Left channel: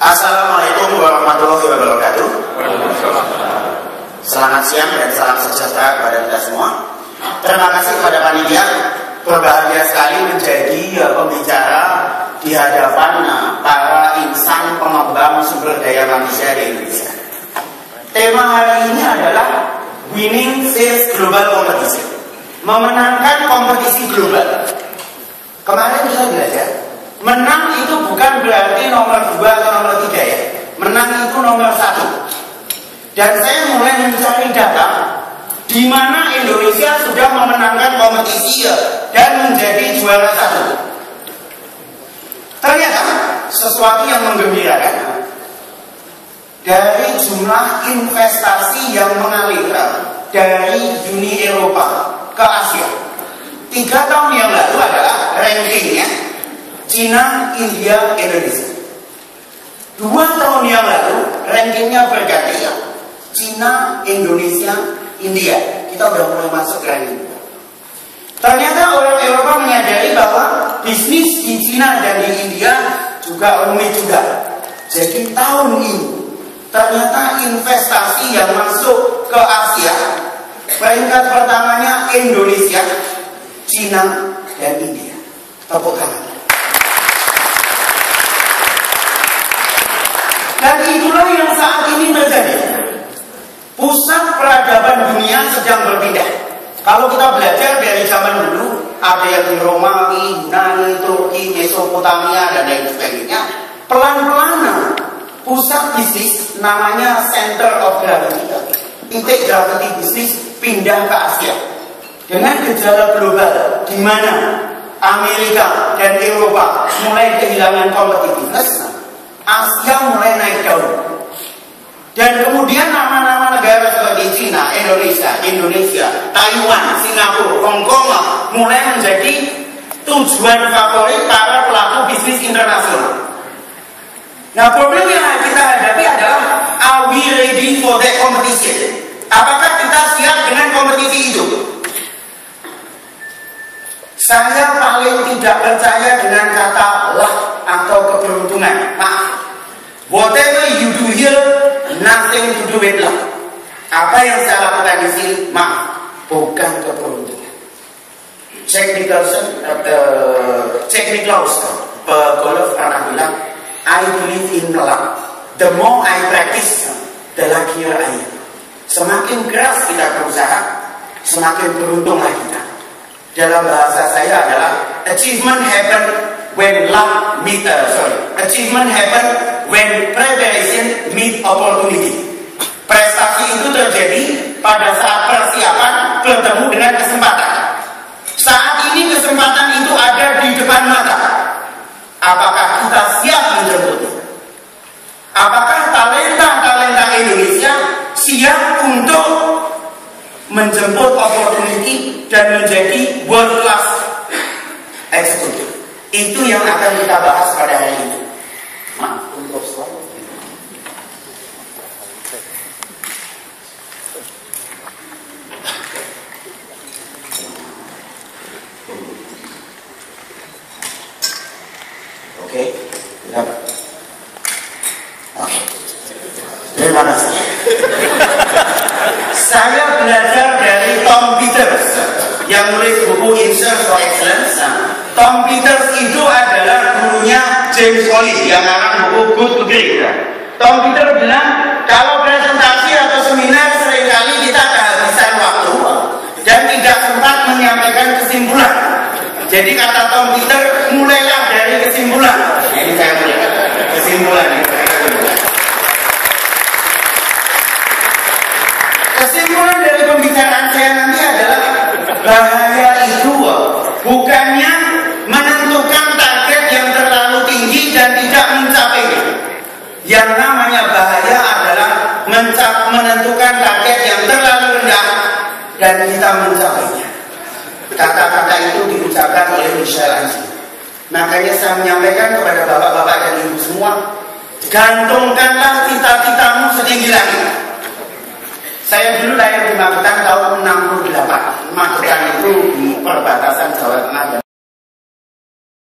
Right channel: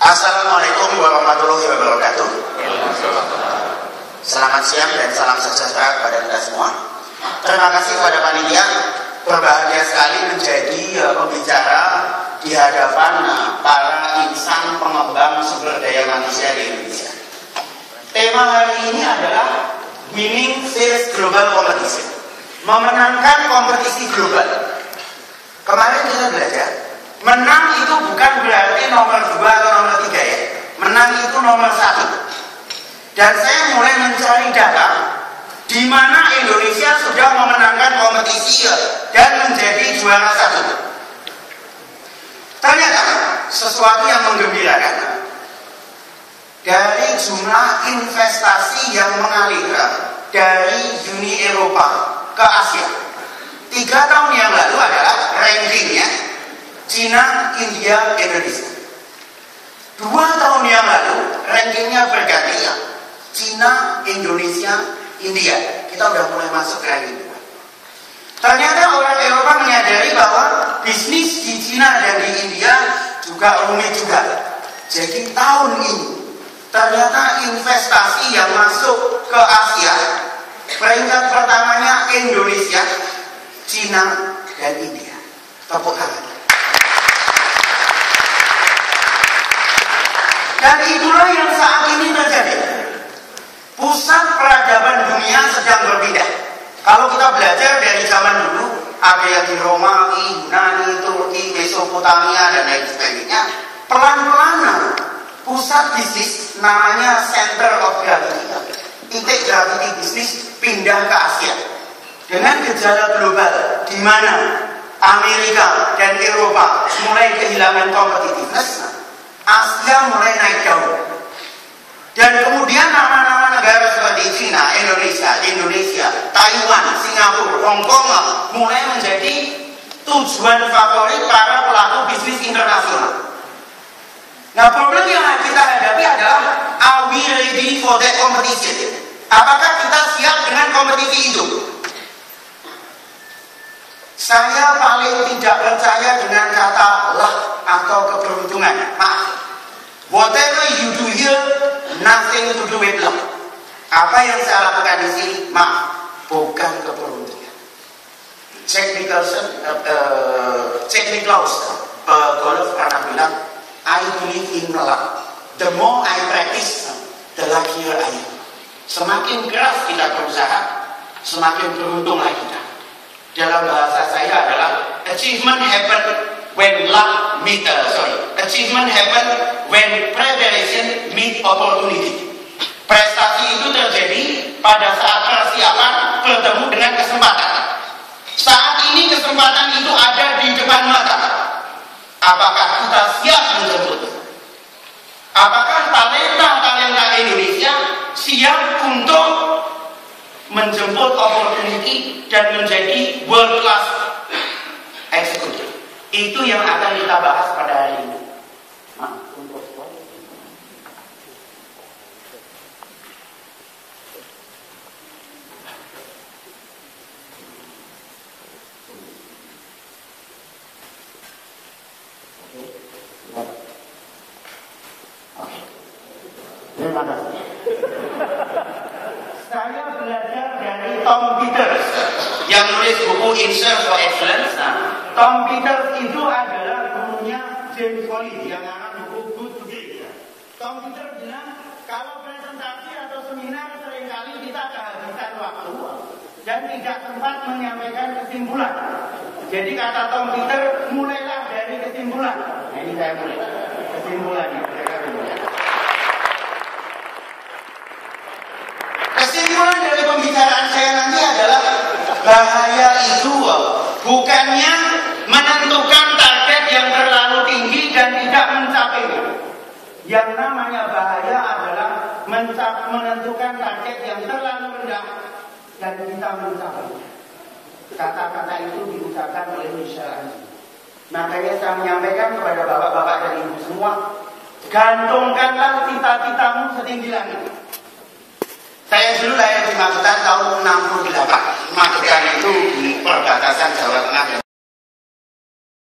Assalamualaikum warahmatullahi wabarakatuh. Selamat siang dan salam sejahtera kepada kita semua. Terima kasih kepada panitia. Berbahagia sekali menjadi pembicara di hadapan para insan pengembang sumber daya manusia di Indonesia. Tema hari ini adalah Winning Sales Global Competition, memenangkan kompetisi global. Kemarin kita belajar, menang itu bukan berarti nomor 2 atau nomor 3 ya. Menang itu nomor 1. Dan saya mulai mencari data di mana Indonesia sudah memenangkan kompetisi dan menjadi juara 1. Ternyata sesuatu yang menggembirakan, dari jumlah investasi yang mengalir dari Uni Eropa ke Asia 3 tahun yang lalu adalah rankingnya Cina, India, Indonesia. 2 tahun yang lalu rankingnya berganti, Cina, Indonesia, India. Kita udah mulai masuk ke ranking 2. Ternyata orang Eropa menyadari bahwa bisnis di Cina dan di India juga rumit juga. Jadi tahun ini ternyata investasi yang masuk ke Asia, peringkat pertamanya Indonesia, Cina, dan India. Tepuk tangan. Dan itulah yang saat ini terjadi. Pusat peradaban dunia sedang berpindah. Kalau kita belajar dari zaman dulu, ada yang di Romawi, Yunani, Turki, Mesopotamia, dan lain sebagainya, pelan-pelan pusat bisnis namanya center of gravity, titik gravity bisnis pindah ke Asia. Dengan gejala global di mana Amerika dan Eropa mulai kehilangan kompetitivitas, Asia mulai naik daun. Dan kemudian nama-nama negara seperti Cina, Indonesia, Taiwan, Singapura, Hong Kong mulai menjadi tujuan favorit para pelaku bisnis internasional. Nah, problem yang kita hadapi adalah, are we ready for that competition? Apakah kita siap dengan kompetisi itu? Saya paling tidak percaya dengan kata luck atau keberuntungan. Maaf. Whatever you do here, nothing to do with luck. Apa yang saya lakukan di sini, maaf, bukan keberuntungan. Jack Nicklaus, golf pernah bilang, I believe in luck. The more I practice, the luckier I am. Semakin keras kita berusaha, semakin beruntunglah kita. Dalam bahasa saya adalah achievement happen when luck meet achievement happen when preparation meet opportunity. Prestasi itu terjadi pada saat persiapan bertemu dengan kesempatan. Saat ini kesempatan itu ada di depan mata. Apakah kita siap menjemputnya? Apakah talenta Indonesia siap untuk menjemput opportunity dan menjadi world class executive? Itu yang akan kita bahas pada hari ini. Maaf untuk slide. Oke, terima kasih. Saya belajar dari Tom Peters yang nulis buku In Search for Excellence. Tom Peters itu adalah gurunya James Clear yang ngarang buku Good to Great. Tom Peters bilang, kalau presentasi atau seminar seringkali kita kehabisan waktu dan tidak sempat menyampaikan kesimpulan. Jadi kata Tom Peters, mulailah dari kesimpulan. Jadi saya mulai kesimpulan. Kesimpulan dari pembicaraan saya nanti adalah, bahaya itu bukannya menentukan target yang terlalu tinggi dan tidak mencapainya. Yang namanya bahaya adalah menentukan target yang terlalu rendah dan kita mencapainya. Kata-kata itu diucapkan oleh Michel Angelo. Makanya saya menyampaikan kepada bapak-bapak dan ibu semua, gantungkanlah cita-citamu setinggi langit. Saya dulu lahir di Magetan tahun 68. Magetan itu di perbatasan Jawa Tengah dan